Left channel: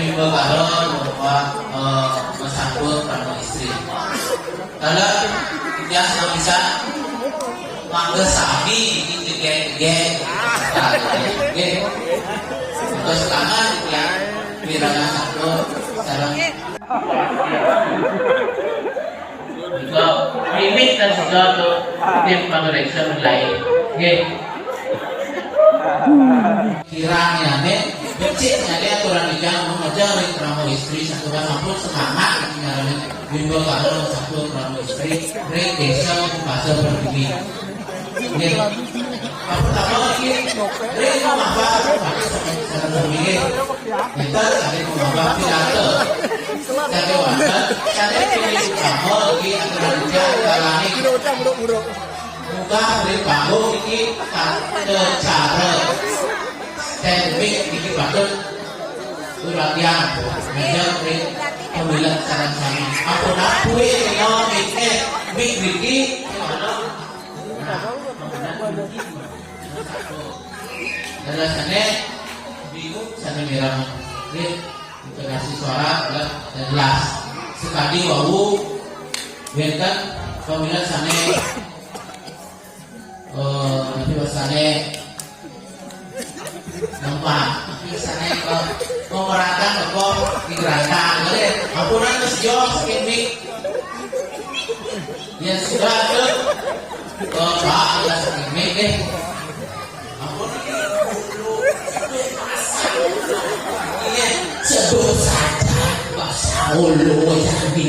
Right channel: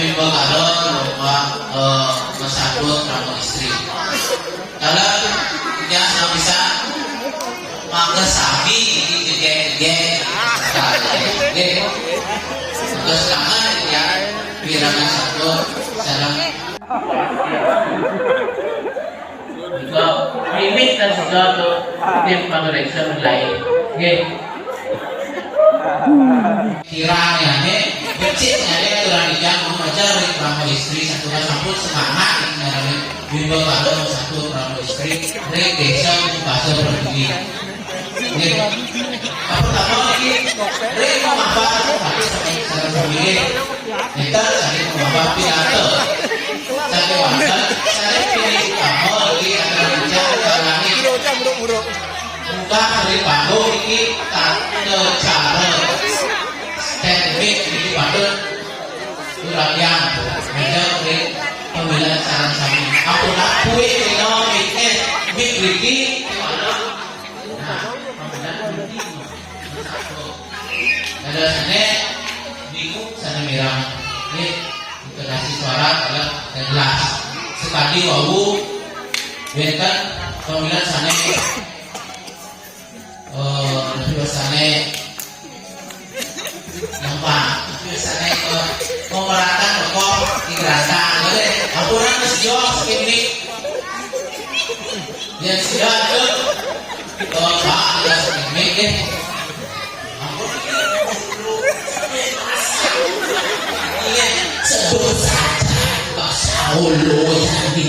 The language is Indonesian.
mimba kalau kesambut kamu istri. Kalau dia sudah bisa mangga sami ini gede. Terus tangan ya bilangan satu sarang. Juga limit dan sesuatu tim pengreksa lain. Kiranya nih kecilnya dia kurang dijang mengajar pramu istri satu dan sambut semangat ini bimbo kalau satu pramu istri dari desa bahasa berdiri. Apa lagi? Dari mengapa kami secara pemilih kita cari mengapa pidato cari warga cari pilih kamu lagi antara bicara dalamnya muka dari kamu ini tak cara teknik ini patut kurang yang ada dari pemilihan saran kami aku nak kue kalau mikir ada sana bingung sana merah ini integrasi suara adalah jelas sekali wau biarkan pemilihan sana sana gampang sana pemerhatian pokok digerakkan aku orang sejauh ini yang sudah itu pak jelas ini sebut saja bahasa Ulu jadi